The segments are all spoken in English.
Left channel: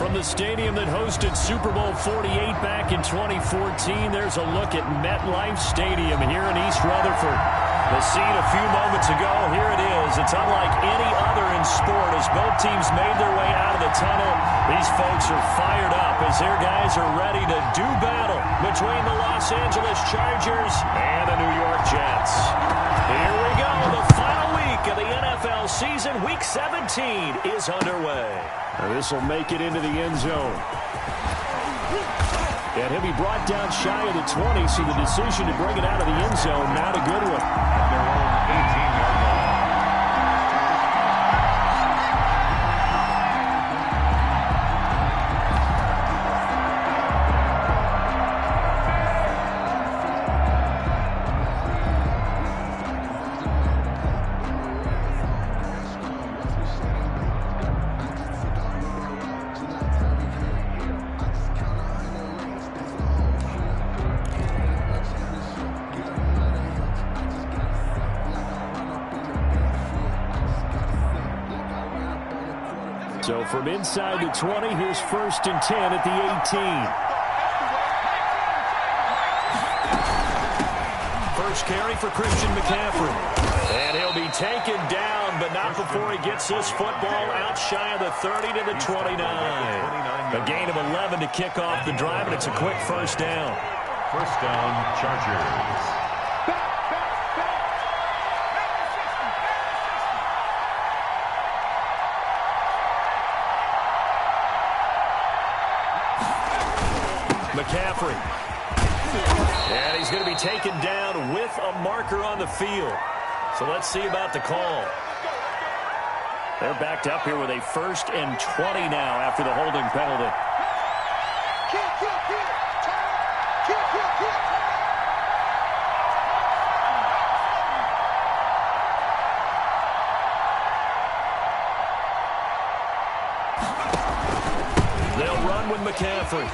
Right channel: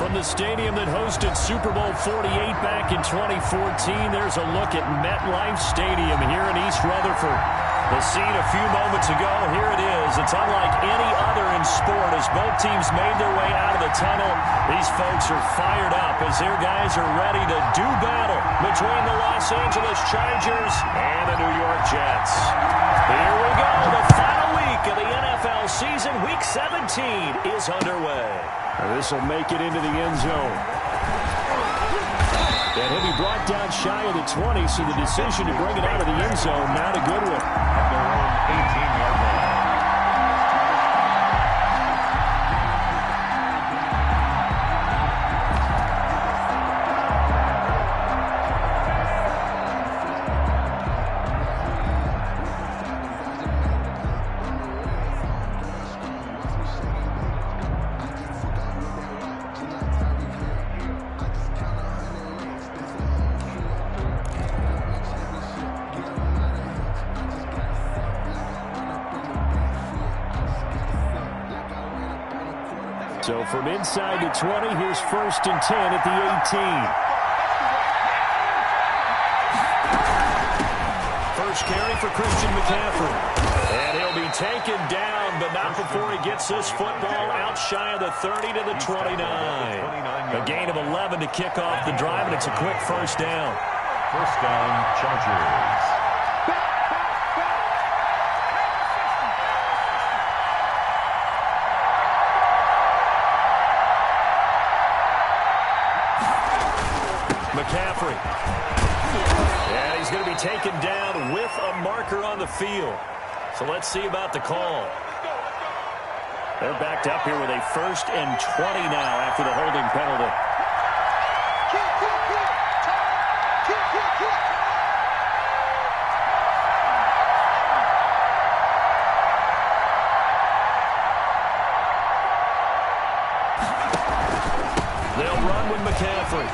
From the stadium that hosted Super Bowl 48 back in 2014, there's a look at MetLife Stadium here in East Rutherford. The scene a few moments ago, here it is. It's unlike any other in sport as both teams made their way out of the tunnel. These folks are fired up as their guys are ready to do battle between the Los Angeles Chargers and the New York Jets. Here we go. The final week of the NFL season, Week 17, is underway. This will make it into the end zone. And he'll be brought down shy of the 20, so the decision to bring it out of the end zone, not a good one. At their own 18-yard line. So from inside the 20, here's 1st and 10 at the 18. First carry for Christian McCaffrey. And he'll be taken down, but not before he gets this football out shy of the 30 to the 29. A gain of 11 to kick off the drive, and it's a quick first down. First down, Chargers. McCaffrey. And he's going to be taken down with a marker on the field. So let's see about the call. They're backed up here with a 1st and 20 now after the holding penalty. They'll run with McCaffrey.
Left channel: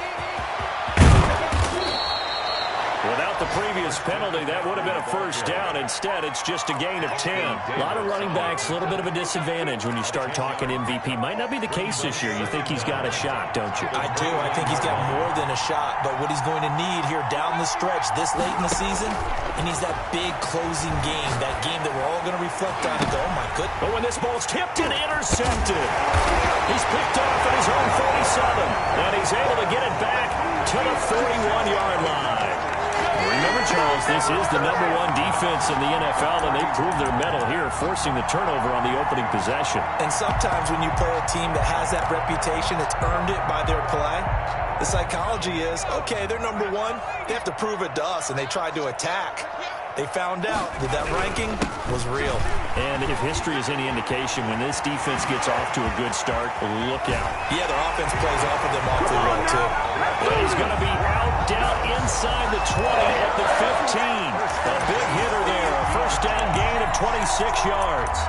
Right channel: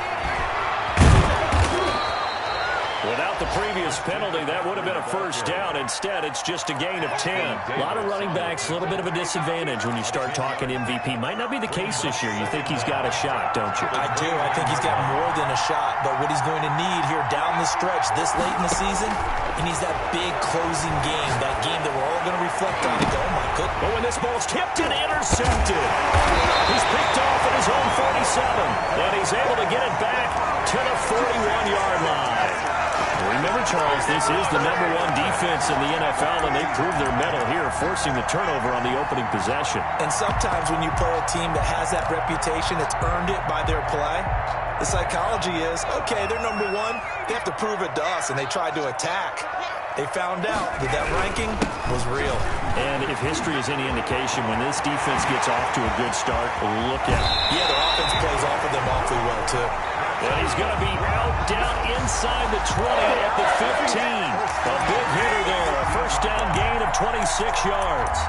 Without the previous penalty, that would have been a first down. Instead, it's just a gain of 10. A lot of running backs, a little bit of a disadvantage when you start talking MVP. Might not be the case this year. You think he's got a shot, don't you? I do. I think he's got more than a shot. But what he's going to need here down the stretch this late in the season, he needs that big closing game, that game that we're all going to reflect on and go, oh, my goodness. But when this ball's tipped and intercepted, he's picked off at his own 47. And he's able to get it back to the 41-yard line. Remember, Charles, this is the #1 defense in the NFL, and they proved their mettle here, forcing the turnover on the opening possession. And sometimes when you play a team that has that reputation, it's earned it by their play. The psychology is, okay, they're #1. They have to prove it to us, and they tried to attack. They found out that that ranking was real. And if history is any indication, when this defense gets off to a good start, look out. Yeah, their offense plays off of them awfully well, too. But he's going to be out down inside the 20 at the 15. A big hitter there, a first down gain of 26 yards.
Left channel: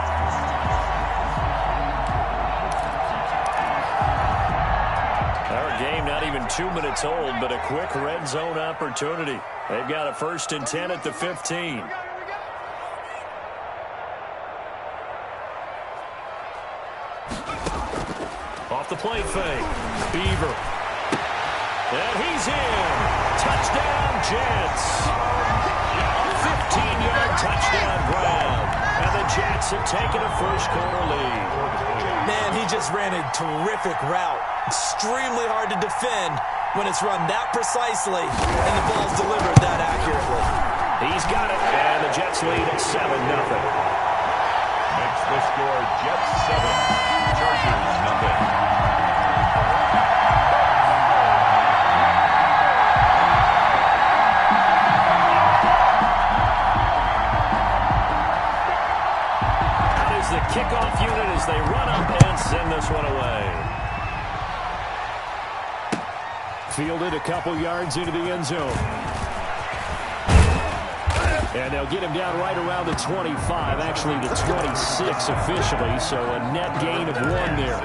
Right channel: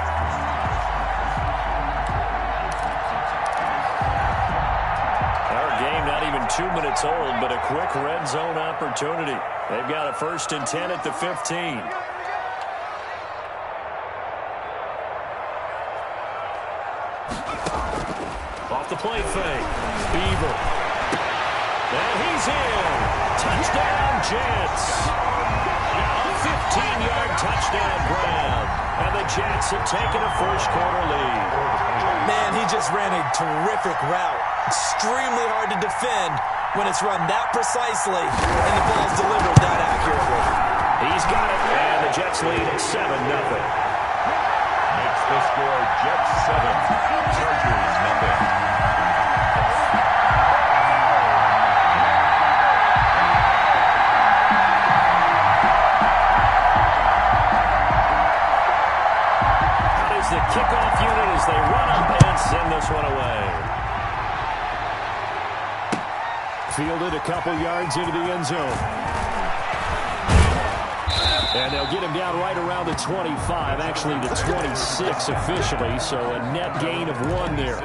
Our game not even 2 minutes old, but a quick red zone opportunity. They've got a 1st and 10 at the 15. Off the play fake. Beaver. And he's in. Touchdown, Jets. A 15-yard touchdown grab. And the Jets have taken a first-quarter lead. Man, he just ran a terrific route. Extremely hard to defend when it's run that precisely and the ball's delivered that accurately. He's got it, and the Jets lead at 7-0. Makes the score Jets 7, Chargers 0. The kickoff unit as they run up and send this one away. Fielded a couple yards into the end zone. And they'll get him down right around the 25, actually the 26 officially, so a net gain of 1 there.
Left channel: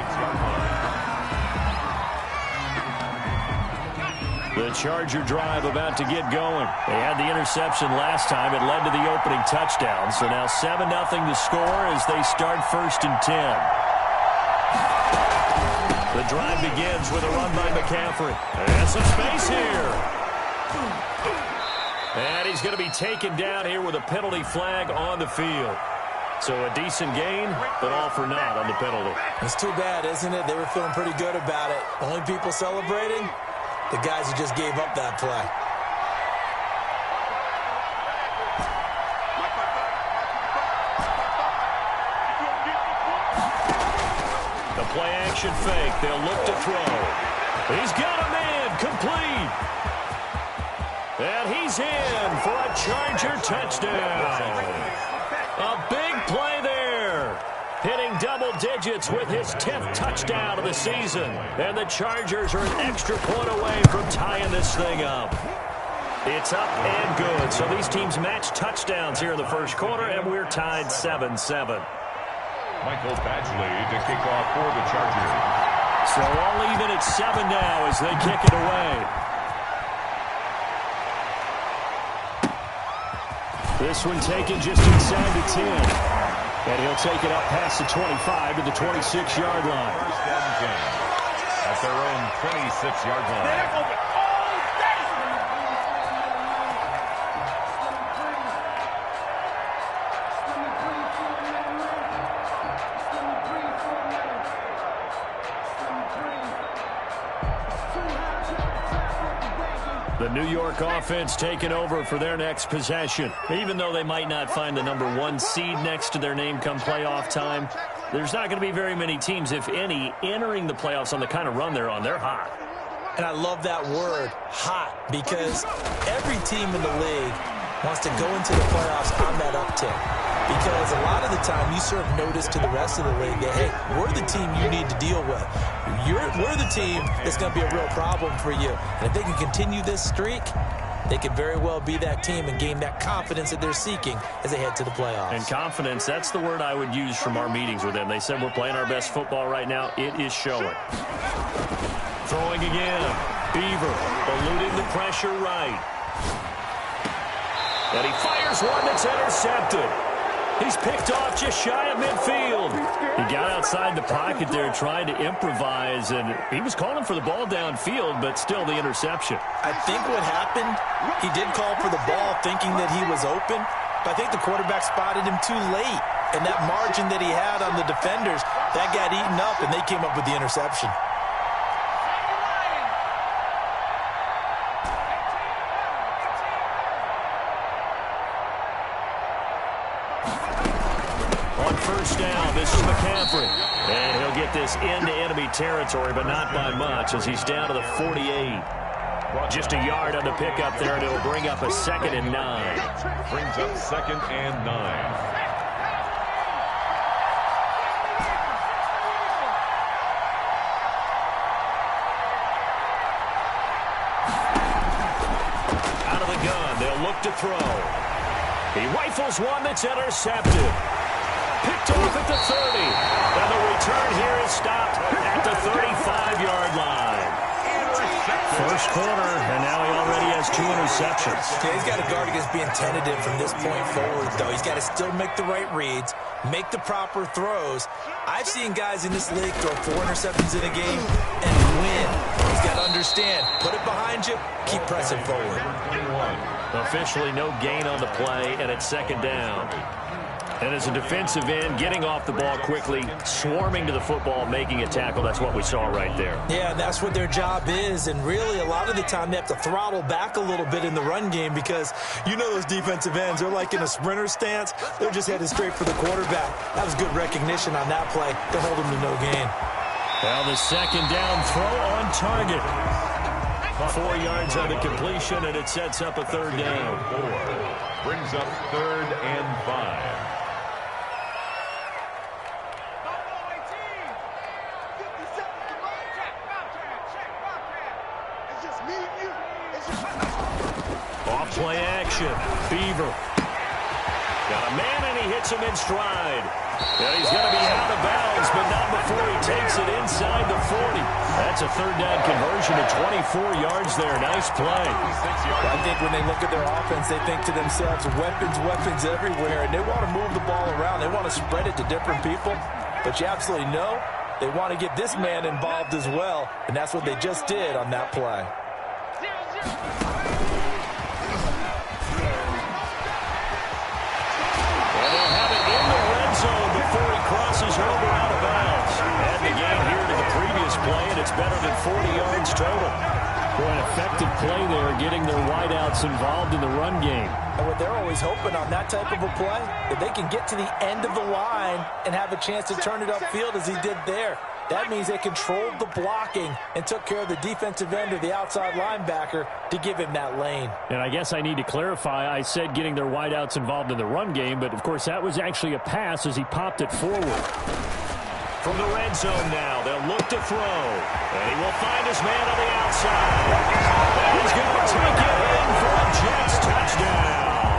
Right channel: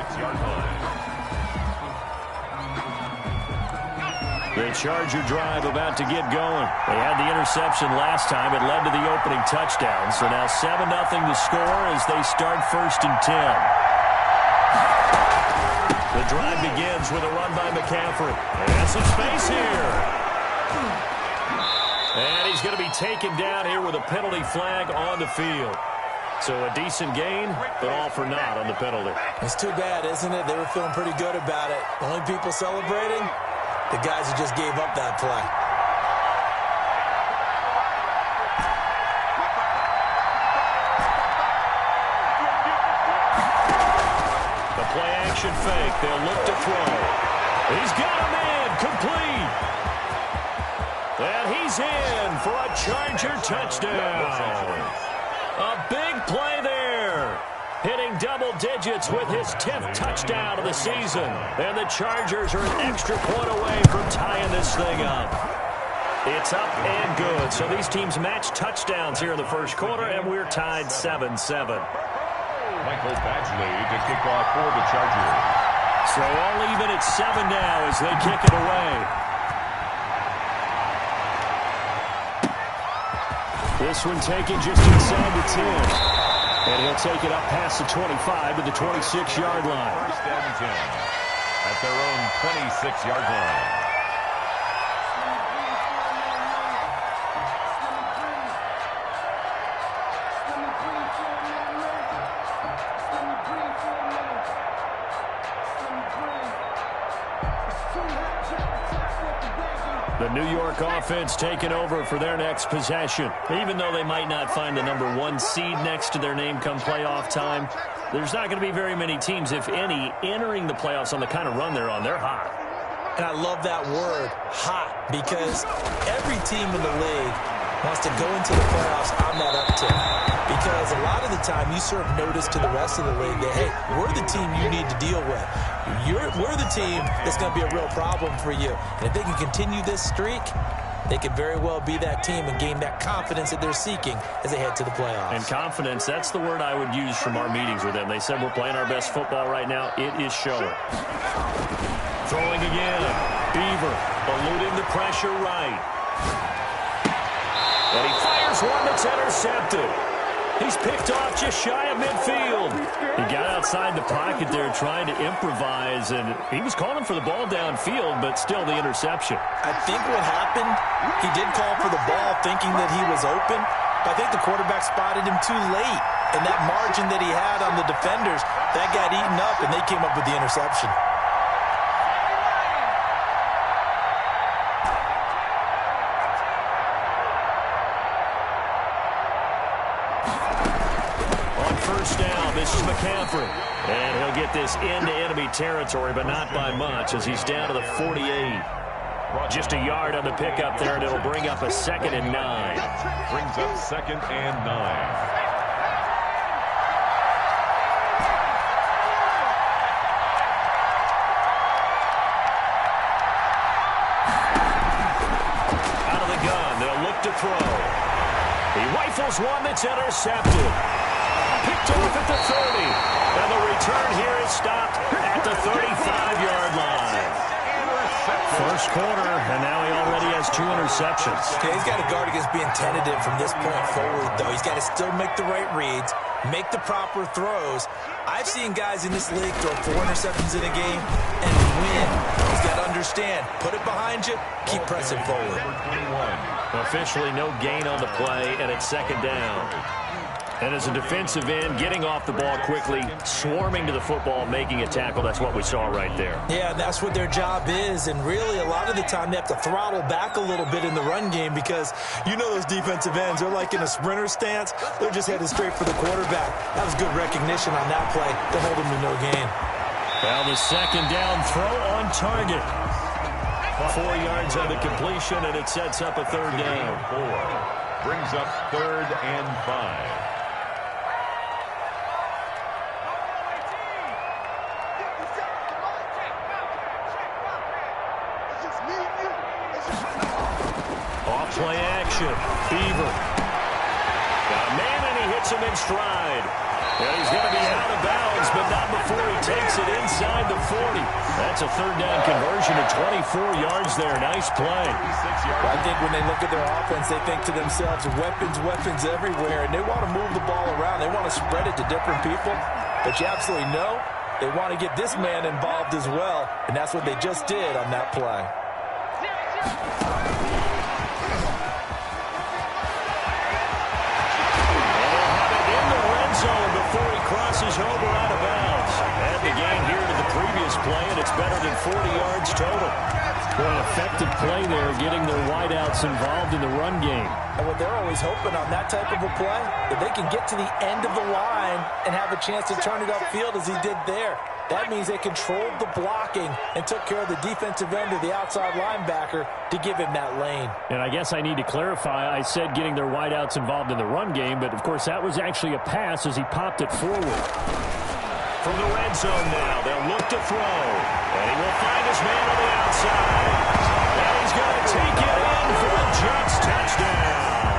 The Charger drive about to get going. They had the interception last time. It led to the opening touchdown. So now 7-0 to score as they start 1st and 10. The drive begins with a run by McCaffrey. And some space here. And he's going to be taken down here with a penalty flag on the field. So a decent gain, but all for naught on the penalty. It's too bad, isn't it? They were feeling pretty good about it. Only people celebrating, the guys who just gave up that play. The play-action fake. They'll look to throw. He's got a man. Complete. And he's in for a Charger touchdown. A big play there. Hitting double digits with his 10th touchdown of the season. And the Chargers are an extra point away from tying this thing up. It's up and good. So these teams match touchdowns here in the first quarter, and we're tied 7-7. Michael Badgley to kick off for the Chargers. So all even at 7 now as they kick it away. This one taken just inside the 10. And he'll take it up past the 25 to the 26-yard line. First and 10 at their own 26-yard line. The New York offense taking over for their next possession. Even though they might not find the #1 seed next to their name come playoff time, there's not going to be very many teams, if any, entering the playoffs on the kind of run they're on. They're hot. And I love that word, hot, because every team in the league wants to go into the playoffs on that uptick. Because a lot of the time you serve notice to the rest of the league that, hey, we're the team you need to deal with. We're the team that's going to be a real problem for you. And if they can continue this streak, they could very well be that team and gain that confidence that they're seeking as they head to the playoffs. And confidence, that's the word I would use from our meetings with them. They said we're playing our best football right now. It is showing. Throwing again. Beaver eluding the pressure right. And he fires one that's intercepted. He's picked off just shy of midfield. He got outside the pocket there trying to improvise, and he was calling for the ball downfield, but still the interception. I think what happened, he did call for the ball thinking that he was open, but I think the quarterback spotted him too late. And that margin that he had on the defenders, that got eaten up, and they came up with the interception. First down, this is McCaffrey. And he'll get this into enemy territory, but not by much as he's down to the 48. Just a yard on the pickup there, and it'll bring up a 2nd and 9. Brings up 2nd and 9. Out of the gun, they'll look to throw. He rifles one that's intercepted. Picked off at the 30. And the return here is stopped at the 35-yard line. First quarter, and now he already has 2 interceptions. Okay, he's got to guard against being tentative from this point forward, though. He's got to still make the right reads, make the proper throws. I've seen guys in this league throw 4 interceptions in a game and win. He's got to understand, put it behind you, keep pressing forward. Officially no gain on the play, and it's 2nd down. And as a defensive end, getting off the ball quickly, swarming to the football, making a tackle, that's what we saw right there. Yeah, that's what their job is. And really, a lot of the time, they have to throttle back a little bit in the run game because you know those defensive ends, they're like in a sprinter stance. They're just headed straight for the quarterback. That was good recognition on that play to hold them to no gain. Well, the 2nd down throw on target. 4 yards on the completion, and it sets up a 3rd down. 4 brings up 3rd and 5. Off play action. Beaver. Got a man, and he hits him in stride. And he's going to be out of bounds, but not before he takes it inside the 40. That's a 3rd down conversion of 24 yards there. Nice play. Well, I think when they look at their offense, they think to themselves, weapons everywhere, and they want to move the ball around. They want to spread it to different people. But you absolutely know They want to get this man involved as well, and that's what they just did on that play. And they'll have it in the red zone before he crosses over out of bounds. And the gain here to the previous play, and it's better than 40 yards total. Boy, an effective play there, getting their wideouts involved in the run game. And what they're always hoping on that type of a play, that they can get to the end of the line and have a chance to turn it upfield as he did there. That means they controlled the blocking and took care of the defensive end or the outside linebacker to give him that lane. And I guess I need to clarify, I said getting their wideouts involved in the run game, but of course that was actually a pass as he popped it forward. From the red zone now, they'll look to throw. And he will find his man on the outside. And he's going to take it in for a Jets touchdown.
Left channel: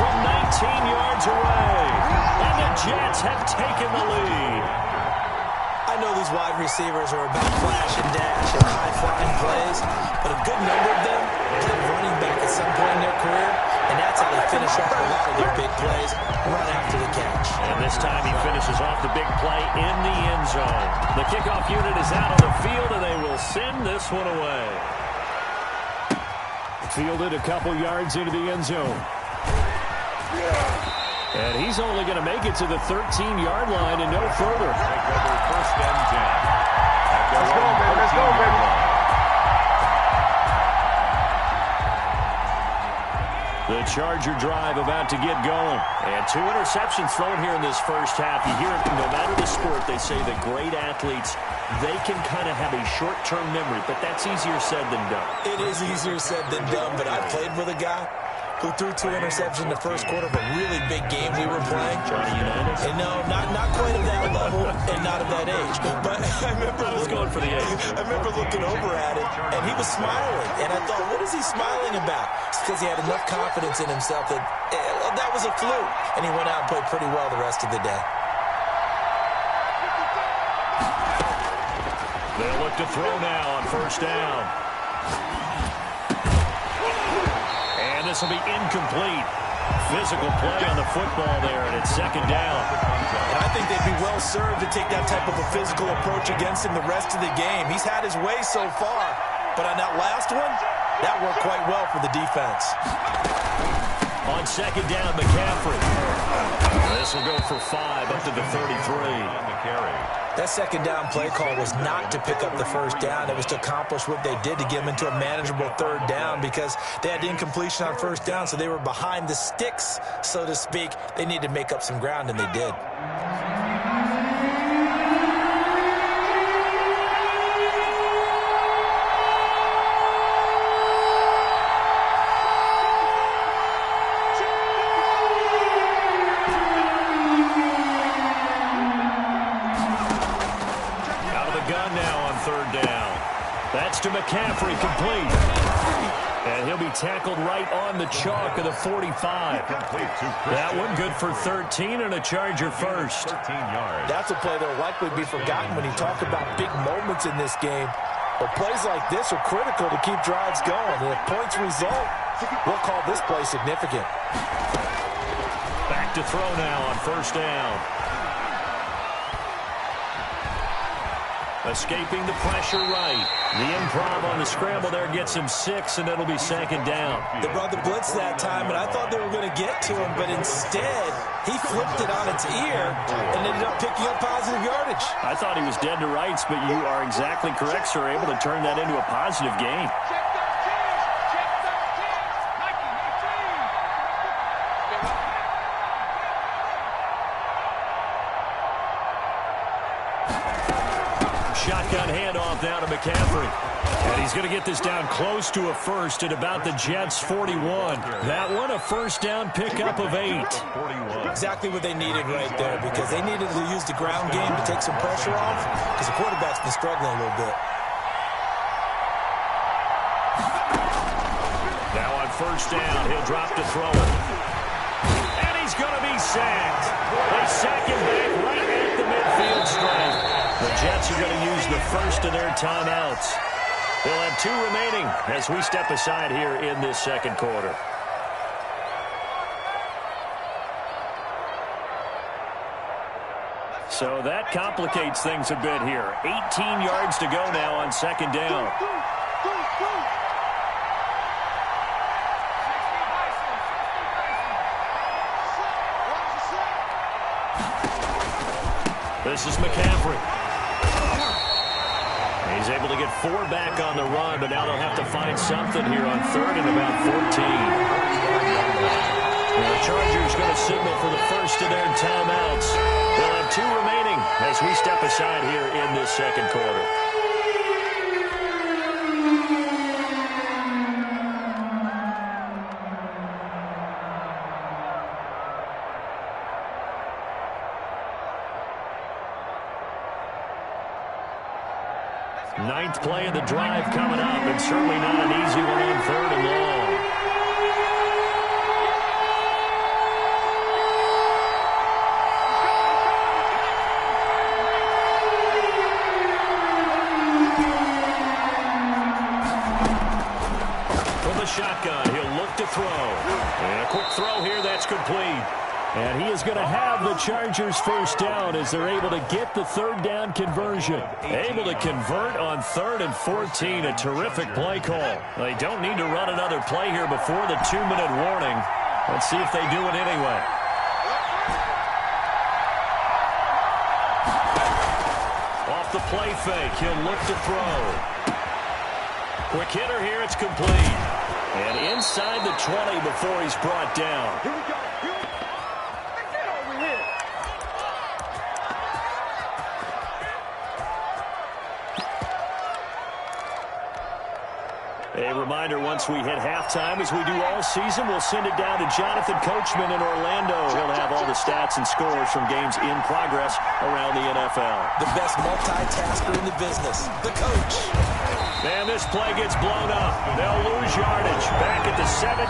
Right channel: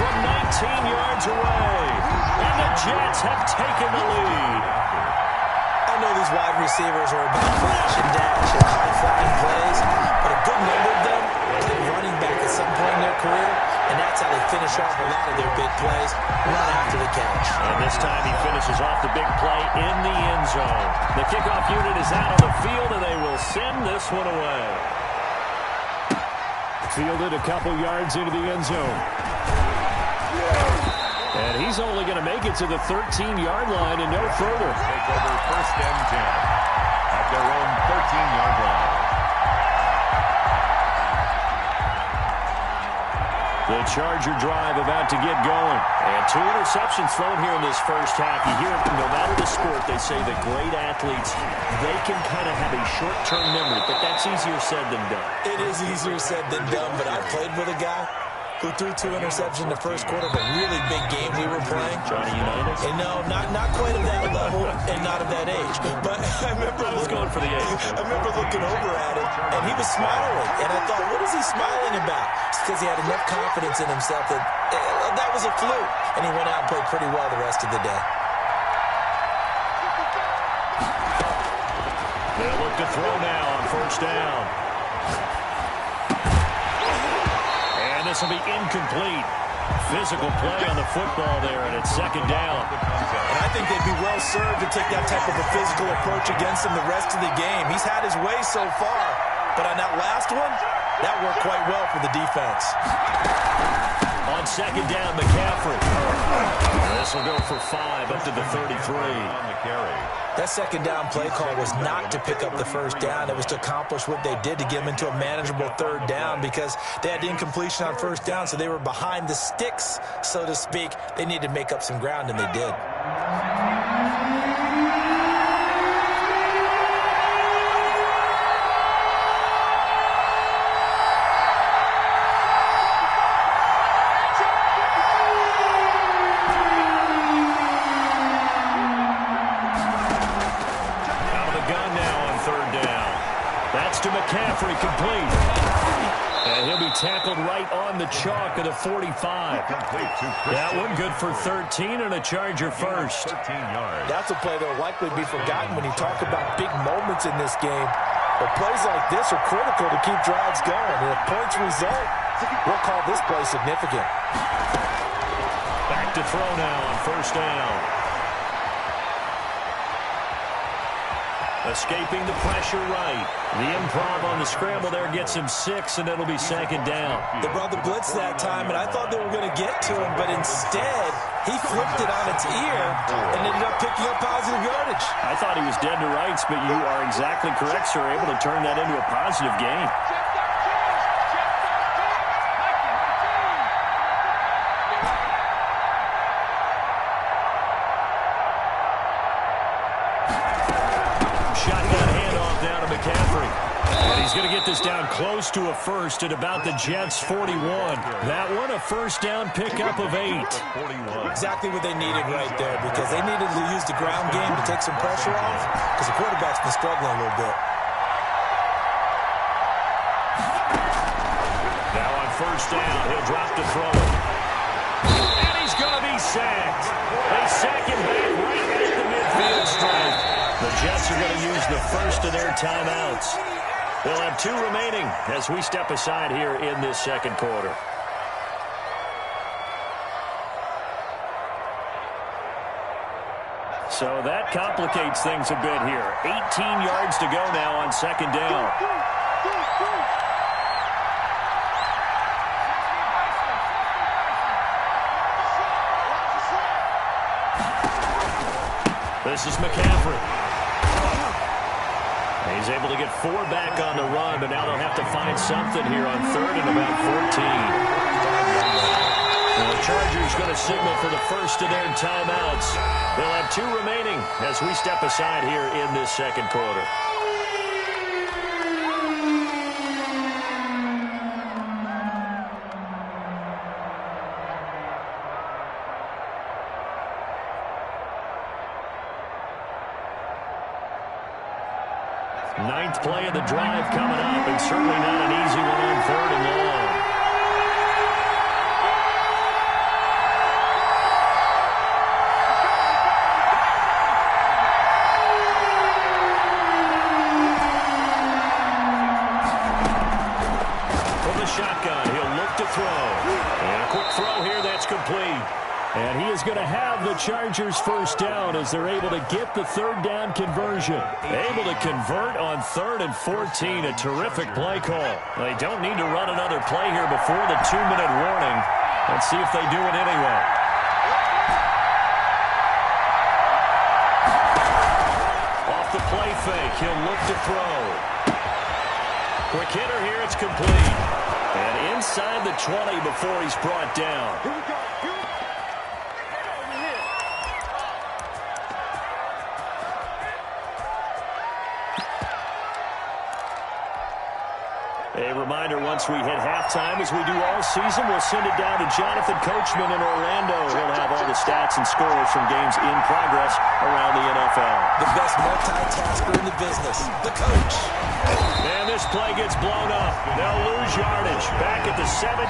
From 19 yards away. And the Jets have taken the lead. I know these wide receivers are about flash and dash and high-flying plays, but a good number of them played running back at some point in their career, and that's how they finish off a lot of their big plays, run after the catch. And this time he finishes off the big play in the end zone. The kickoff unit is out on the field, and they will send this one away. Fielded a couple yards into the end zone. And he's only going to make it to the 13-yard line and no further. Take over 1st and 10 at their own 13-yard line. The Charger drive about to get going. And 2 interceptions thrown here in this first half. You hear it, no matter the sport, they say that great athletes, they can kind of have a short-term memory, but that's easier said than done. It is easier said than done, but I played with a guy who threw 2 interceptions in the first quarter of a really big game we were playing. Johnny Unitas? And no, not quite at that level and not at that age. But I remember going for the age. I remember looking over at him, and he was smiling. And I thought, what is he smiling about? It's because he had enough confidence in himself that that was a fluke. And he went out and played pretty well the rest of the day. They'll look to throw now on 1st down. This will be incomplete. Physical play on the football there, and it's 2nd down. And I think they'd be well served to take that type of a physical approach against him the rest of the game. He's had his way so far, but on that last one, that worked quite well for the defense. On 2nd down, McCaffrey. This will go for 5 up to the 33. On the carry. That 2nd down play call was not to pick up the 1st down. It was to accomplish what they did to get them into a manageable 3rd down because they had incompletion on 1st down, so they were behind the sticks, so to speak. They needed to make up some ground, and they did. That's to McCaffrey, complete. And he'll be tackled right on the chalk of the 45. That one good for 13 and a Charger first. 13 yards. That's a play that will likely be forgotten when you talk about big moments in this game. But plays like this are critical to keep drives going. And if points result, we'll call this play significant. Back to throw now on 1st down. Escaping the pressure right. The improv on the scramble there gets him 6, and it'll be 2nd down. They brought the blitz that time, and I thought they were going to get to him, but instead, he flipped it on its ear and ended up picking up positive yardage. I thought he was dead to rights, but you are exactly correct, sir, able to turn that into a positive gain. Shotgun handoff now to McCaffrey. And he's going to get this down close to a first at about the Jets' 41. That one a 1st down pickup of 8. Exactly what they needed right there because they needed to use the ground game to take some pressure off because the quarterback's been struggling a little bit. Now on 1st down, he'll drop to throw it. And he's going to be sacked. They sack him back right at the midfield stripe. The Jets are going to use the first of their timeouts. They'll have 2 remaining as we step aside here in this 2nd quarter. So that complicates things a bit here. 18 yards to go now on second down. This is McCaffrey. He's able to get 4 back on the run, but now they'll have to find something here on third and about 14. The Chargers going to signal for the first of their timeouts. They'll have 2 remaining as we step aside here in this second quarter. Ninth play of the drive coming up, and certainly not an easy one on third and long. From the shotgun, he'll look to throw. And a quick throw here, that's complete. And he is going to have the Chargers first down as they're able to get the third down conversion. Able to convert on 3rd and 14. A terrific play call. They don't need to run another play here before the 2-minute warning. Let's see if they do it anyway. Off the play fake, he'll look to throw. Quick hitter here, it's complete. And inside the 20 before he's brought down. Here we go. A reminder, once we hit halftime, as we do all season, we'll send it down to Jonathan Coachman in Orlando. He'll have all the stats and scores from games in progress around the NFL. The best multitasker in the business, the coach. And this play gets blown up. They'll lose yardage back at the 17.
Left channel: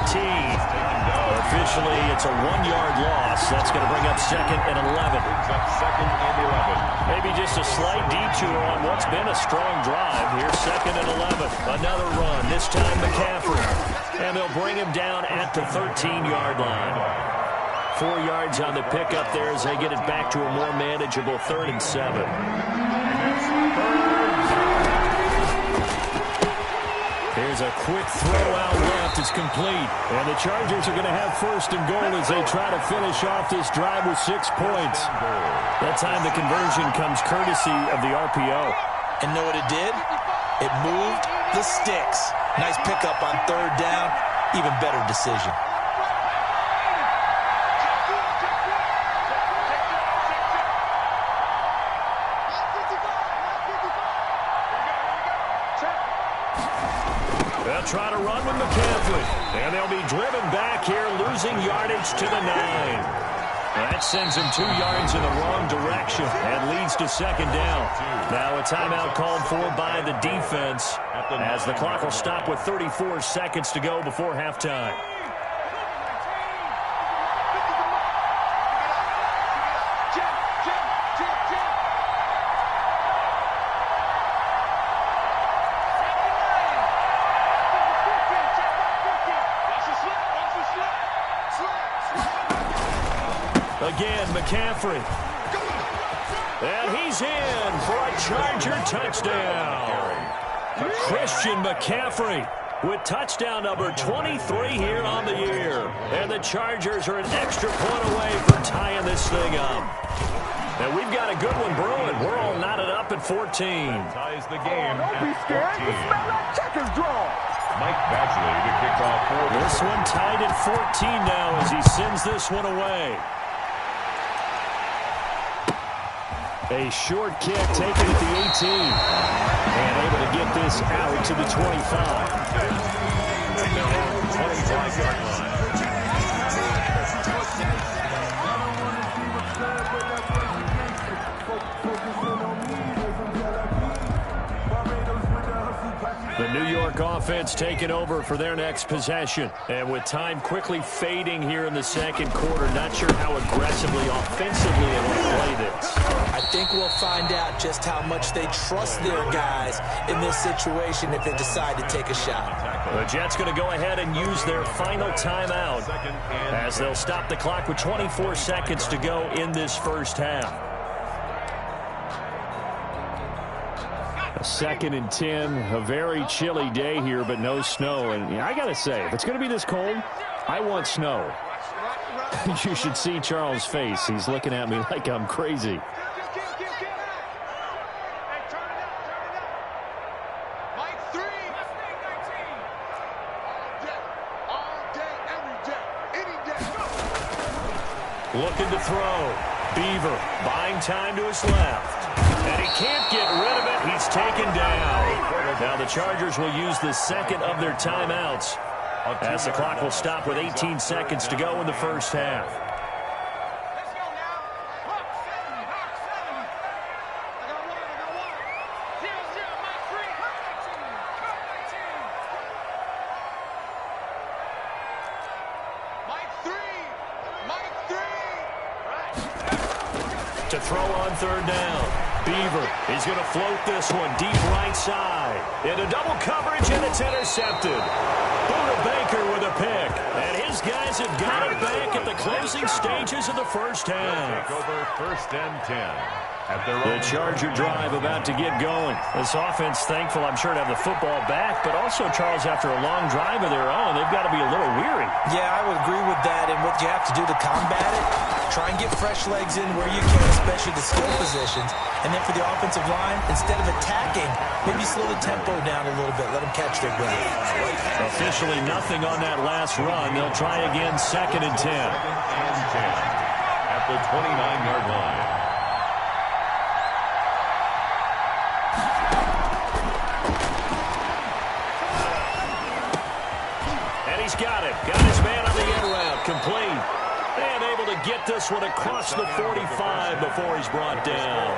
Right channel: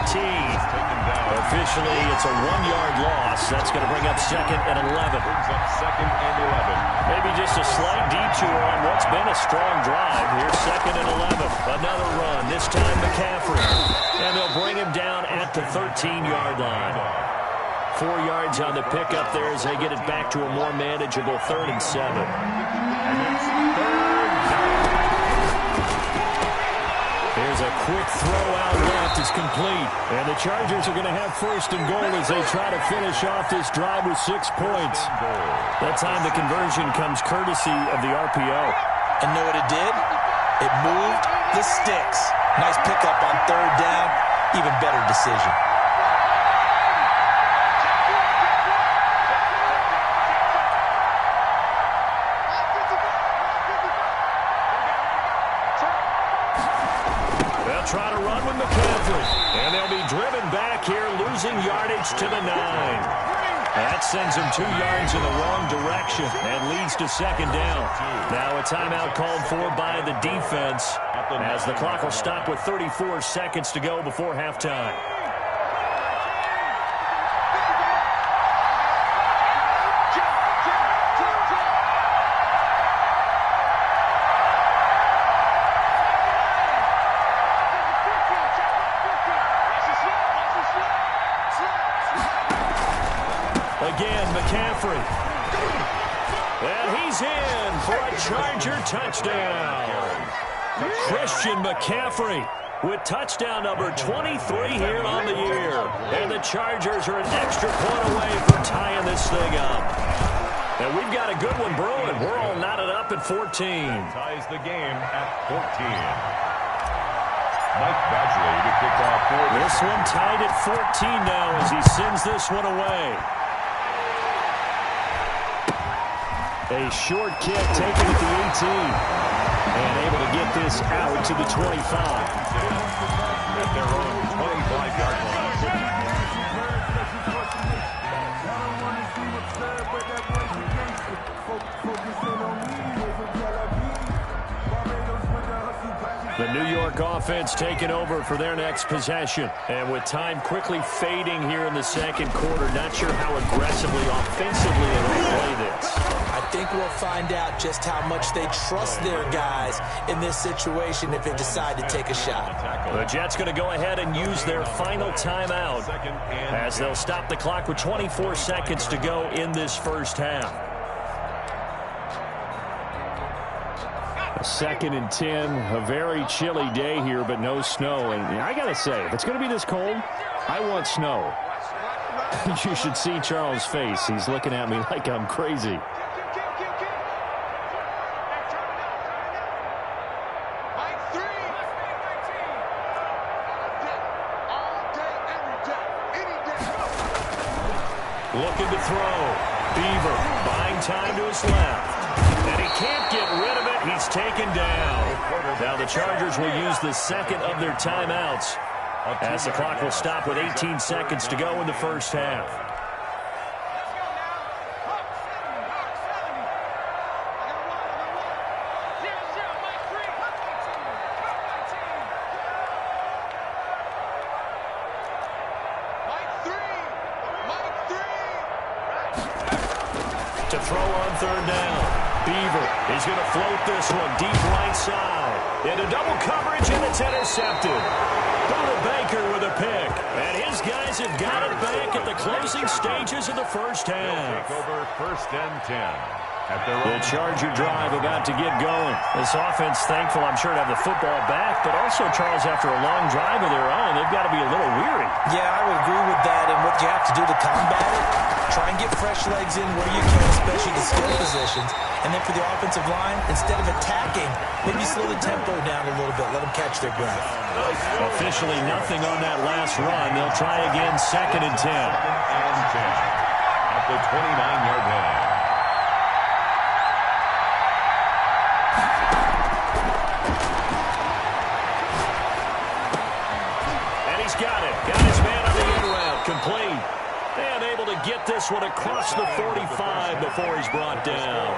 Officially, it's a 1-yard loss. That's going to bring up 2nd and 11. Brings up 2nd and 11. Maybe just a slight detour on what's been a strong drive. Here's 2nd and 11. Another run. This time McCaffrey. And they'll bring him down at the 13-yard line. 4 yards on the pickup there as they get it back to a more manageable 3rd and 7. And it's 3rd down. Here's a quick throw out left. It's complete. And the Chargers are going to have 1st and goal as they try to finish off this drive with 6 points. That time the conversion comes courtesy of the RPO. And know what it did? It moved the sticks. Nice pickup on 3rd down. Even better decision. They'll try to run with McCaffrey. And they'll be driven back here, losing yardage to the 9. That sends him 2 yards in the wrong direction and leads to 2nd down. Now a timeout called for by the defense as the clock will stop with 34 seconds to go before halftime. Again, McCaffrey. And he's in for a Charger touchdown. Christian McCaffrey with touchdown number 23 here on the year. And the Chargers are an extra point away from tying this thing up. And we've got a good one brewing. We're all knotted up at 14. That ties the game at 14. Mike Badgley to kick off for this one tied at 14 now as he sends this one away. A short kick taken at the 18. And able to get this out to the 25. At their own 25-yard line. The New York offense taking over for their next possession. And with time quickly fading here in the second quarter, not sure how aggressively, offensively they will play this. I think we'll find out just how much they trust their guys in this situation if they decide to take a shot. The Jets going to go ahead and use their final timeout as they'll stop the clock with 24 seconds to go in this first half. 2nd and 10, a very chilly day here, but no snow. And I got to say, if it's going to be this cold, I want snow. You should see Charles' face. He's looking at me like I'm crazy. Looking to throw. Beaver buying time to his left. And he can't get rid of it. He's taken down. Now the Chargers will use the second of their timeouts as the clock will stop with 18 seconds to go in the first half. Let's go now. Mark 70. Mark 70. I got water. 0-0. Mike 3. Mark 19. Mark 19. Mike 3. Mike 3. Right. To throw on third down. Beaver is going to float this one deep right side. Into double coverage, and it's intercepted. Buda Baker with a pick. And his guys have got it back at the closing stages of the first half. Take over 1st and 10. The Charger drive about to get going. This offense thankful, I'm sure, to have the football back, but also, Charles, after a long drive of their own, they've got to be a little weary. Yeah, I would agree with that, and what you have to do to combat it, try and get fresh legs in where you can, especially the skill positions. And then for the offensive line, instead of attacking, maybe slow the tempo down a little bit, let them catch their breath. Officially nothing on that last run. They'll try again 2nd and 10. 2nd and 10 at the 29-yard line. He's got it. Got his man on the end route. Complete. And able to get this one across the 45 before he's brought down.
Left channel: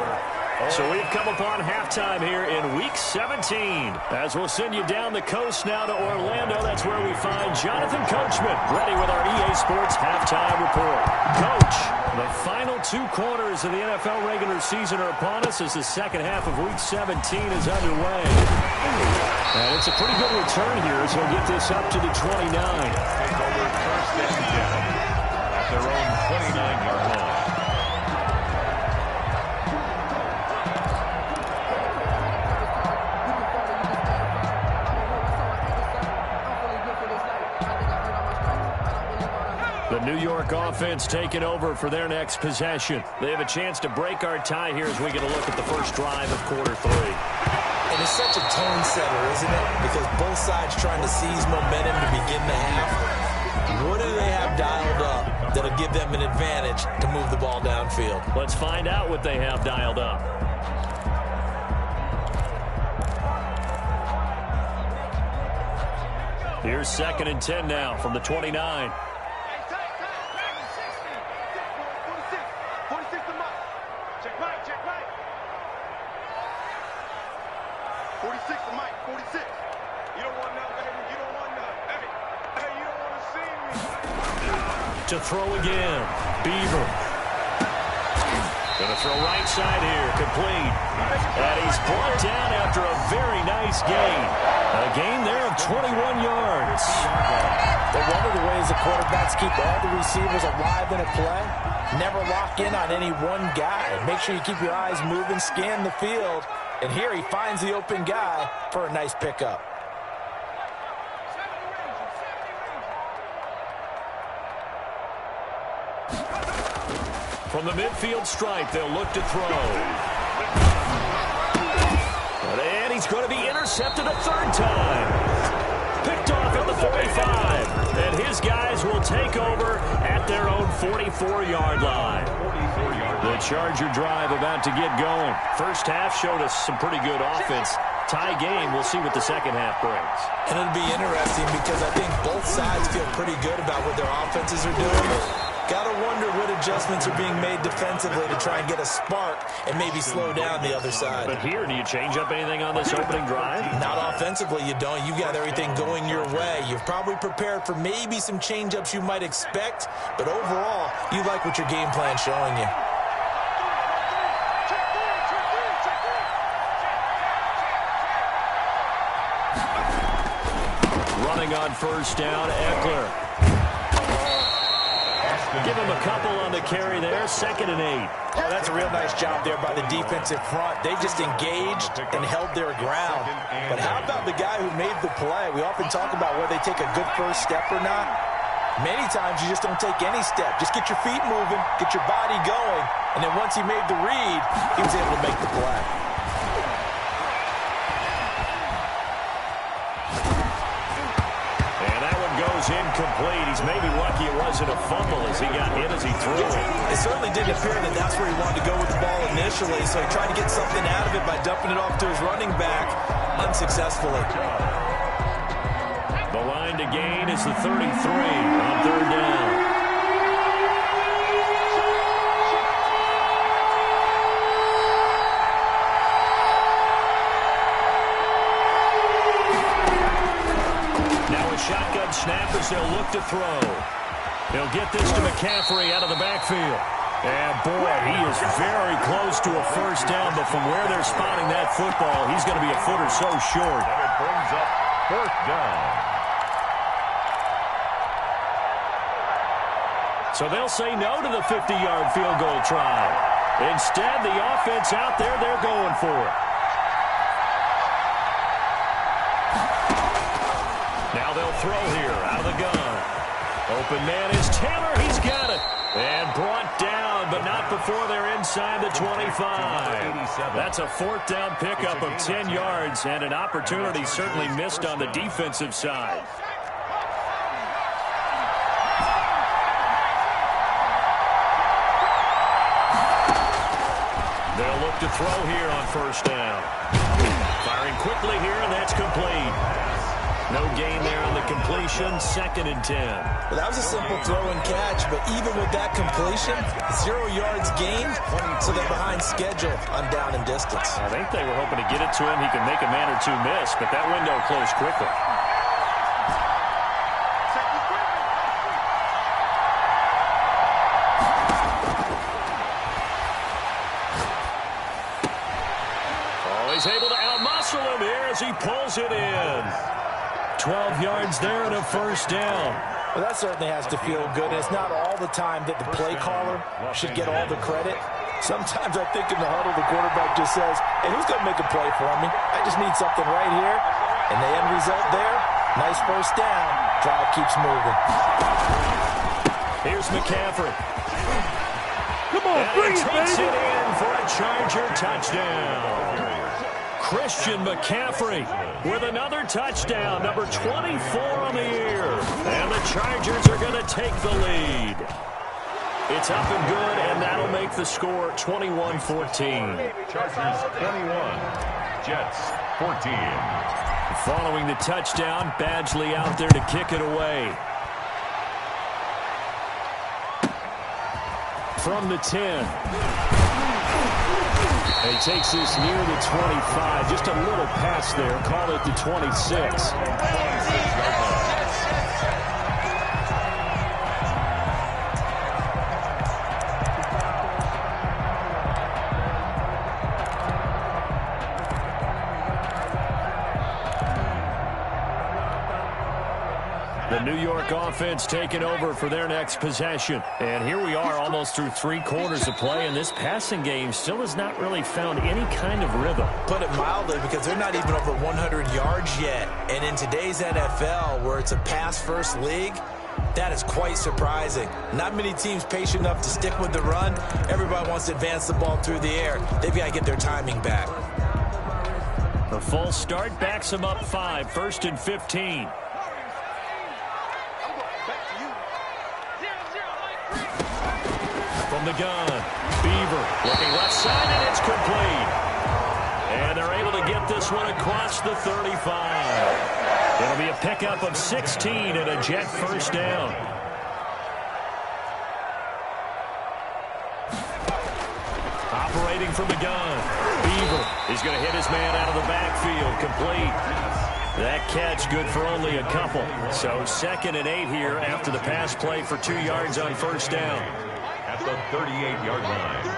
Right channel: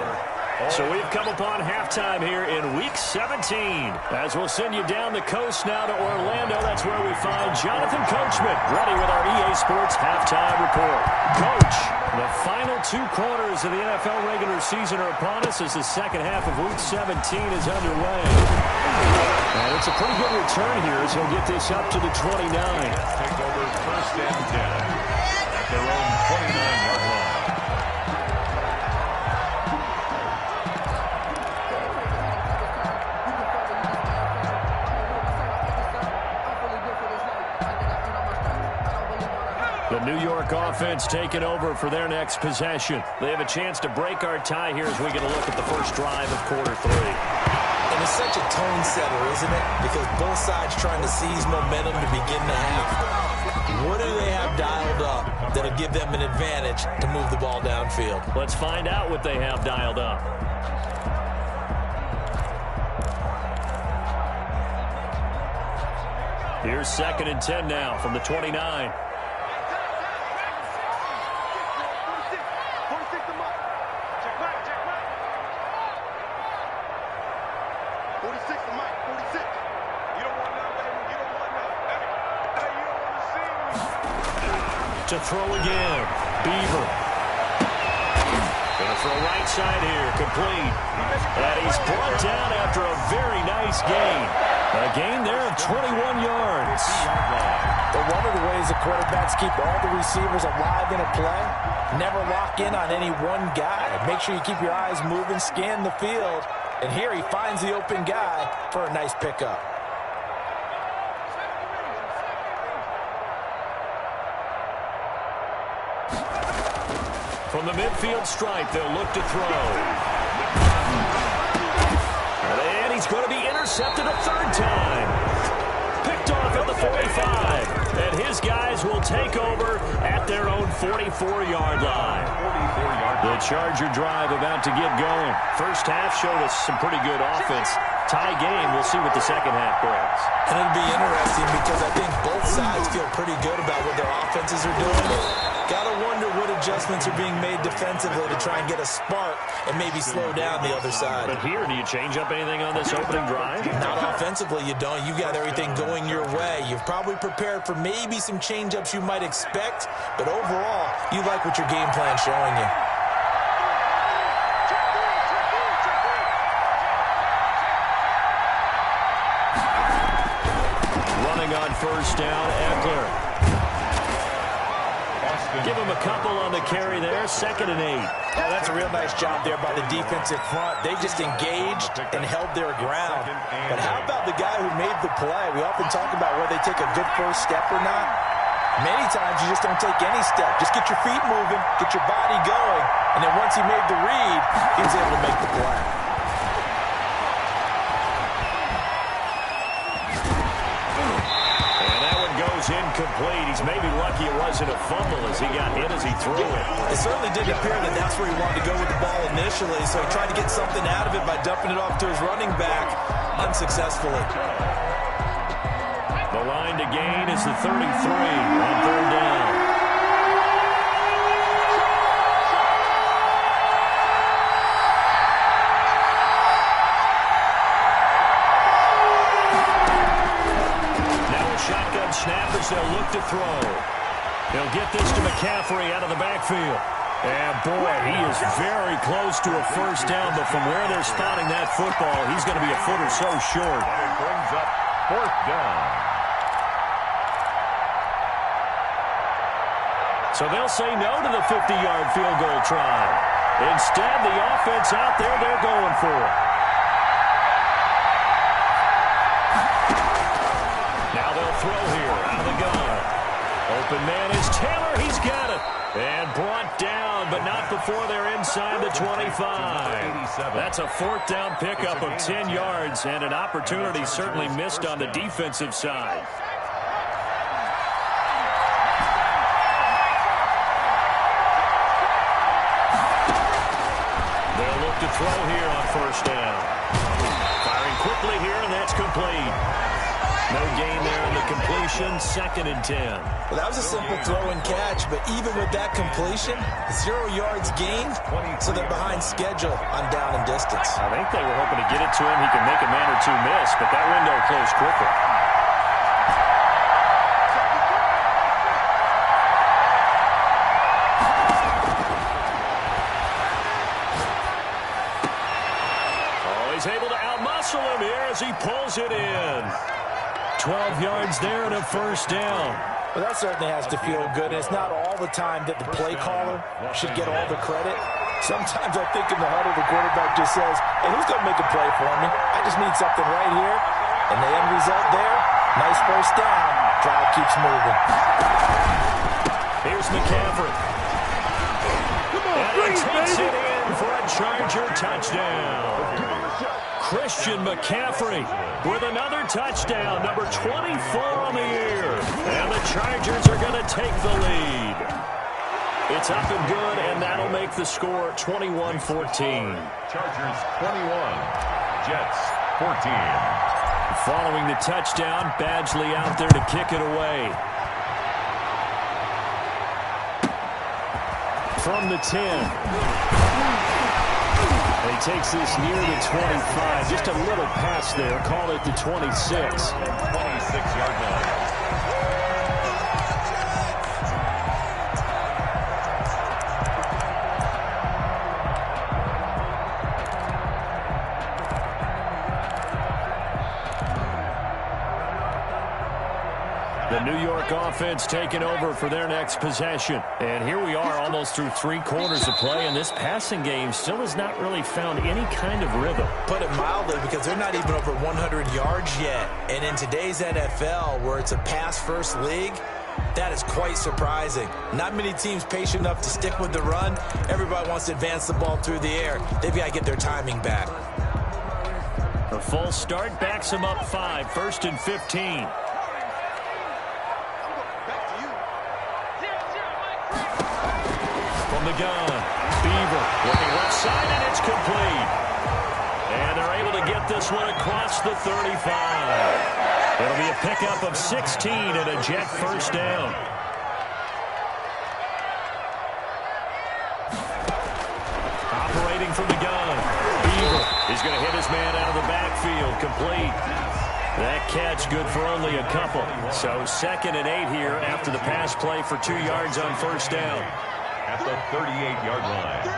So we've come upon halftime here in Week 17. As we'll send you down the coast now to Orlando. That's where we find Jonathan Coachman ready with our EA Sports Halftime Report. Coach, the final 2 quarters of the NFL regular season are upon us as the second half of Week 17 is underway. And it's a pretty good return here as he'll get this up to the 29. Take over 1st and 10 at their own 29-yard line. The New York offense taking over for their next possession. They have a chance to break our tie here as we get a look at the first drive of quarter 3. And it's such a tone setter, isn't it? Because both sides trying to seize momentum to begin the half. What do they have dialed up that'll give them an advantage to move the ball downfield? Let's find out what they have dialed up. Here's 2nd and 10 now from the 29. 46 to Mike, 46. You don't want none, baby. You don't want none. Hey, you don't want to see me. To throw again. Beaver. Going to throw right side here. Complete. And he's brought down after a very nice gain. A gain there of 21 yards. But one of the ways the quarterbacks keep all the receivers alive in a play, never lock in on any one guy. Make sure you keep your eyes moving, scan the field. And here he finds the open guy for a nice pickup. From the midfield stripe, they'll look to throw. And he's going to be intercepted a 3rd time. Picked off at the 45. And his guys will take over at their own 44-yard line. The Charger drive about to get going. First half showed us some pretty good offense. Tie game, we'll see what the second half brings. And it'll be interesting because I think both sides feel pretty good about what their offenses are doing. Gotta wonder what adjustments are being made defensively to try and get a spark and maybe slow down the other side. But here, do you change up anything on this opening drive? Not offensively, you don't. You got everything going your way. You've probably prepared for maybe some change-ups you might expect, but overall, you like what your game plan's showing you. Running on first down, Eckler. Give him a couple on the carry there. 2nd and 8. Oh, that's a real nice job there by the defensive front. They just engaged and held their ground. But how about the guy who made the play? We often talk about whether they take a good first step or not. Many times you just don't take any step. Just get your feet moving, get your body going, and then once he made the read, he was able to make the play. Goes incomplete. He's maybe lucky it wasn't a fumble as he got hit as he threw it. It certainly didn't appear that that's where he wanted to go with the ball initially, so he tried to get something out of it by dumping it off to his running back unsuccessfully. The line to gain is the 33 on 3rd down. Shotgun snap as they'll look to throw. He'll get this to McCaffrey out of the backfield. And boy, he is very close to a first down, but from where they're spotting that football, he's going to be a foot or so short. And it brings up 4th down. So they'll say no to the 50-yard field goal try. Instead, the offense out there, they're going for it. Now they'll throw here out of the gun. Open man is Taylor. He's got it. And brought down, but not before they're inside the 25. That's a 4th down pickup of 10 yards, and an opportunity certainly missed on the defensive side. They'll look to throw here on 1st down. Firing quickly here, and that's complete. No gain there on the completion. 2nd and 10. Well, that was a simple throw and catch, but even with that completion, 0 yards gained, so they're behind schedule on down and distance. I think they were hoping to get it to him. He could make a man or two miss, but that window closed quickly. Oh, he's able to outmuscle him here as he pulls it in. 12 yards there and a 1st down. Well, that certainly has to feel good. And it's not all the time that the play caller should get all the credit. Sometimes I think in the huddle, the quarterback just says, hey, who's going to make a play for me? I just need something right here. And the end result there, nice 1st down. Drive keeps moving. Here's McCaffrey. Come on, and he takes it in for a Charger touchdown. Christian McCaffrey with another touchdown, number 24 on the year. And the Chargers are going to take the lead. It's up and good, and that'll make the score 21-14. Chargers 21, Jets 14. Following the touchdown, Badgley out there to kick it away. From the 10. And he takes this near the 25. Just a little pass there. Call it the 26. 26-yard line. The New York offense taking over for their next possession. And here we are almost through 3 quarters of play, and this passing game still has not really found any kind of rhythm. Put it mildly, because they're not even over 100 yards yet. And in today's NFL, where it's a pass-first league, that is quite surprising. Not many teams patient enough to stick with the run. Everybody wants to advance the ball through the air. They've got to get their timing back. The full start backs them up 5, 1st and 15. From the gun, Beaver looking left side, and it's complete. And they're able to get this one across the 35. It'll be a pickup of 16 and a Jet 1st down. Operating from the gun, Beaver is going to hit his man out of the backfield, complete. That catch good for only a couple. So 2nd and 8 here after the pass play for 2 yards on 1st down. At the 38-yard line.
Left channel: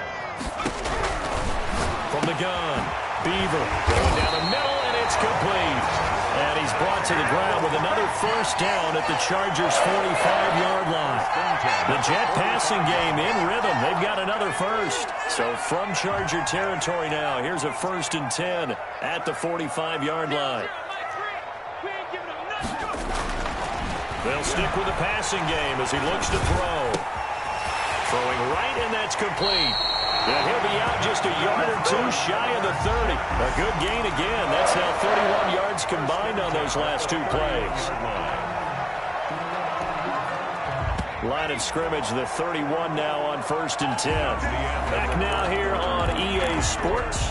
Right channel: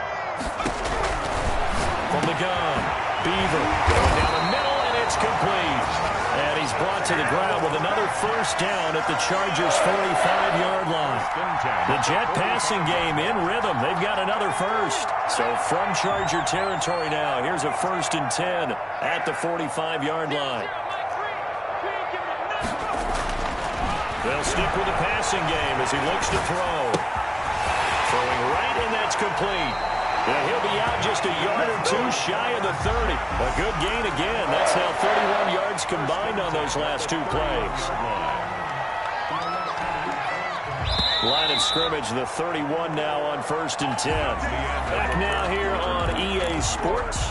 From the gun, Beaver going down the middle, and it's complete. And he's brought to the ground with another first down at the Chargers' 45-yard line. The Jet passing game in rhythm. They've got another first. So from Charger territory now, here's a 1st and 10 at the 45-yard line. They'll stick with the passing game as he looks to throw. Throwing right, and that's complete. And he'll be out just a yard or two shy of the 30. A good gain again. That's now 31 yards combined on those last two plays. Line of scrimmage, the 31 now on 1st and 10. Back now here on EA Sports.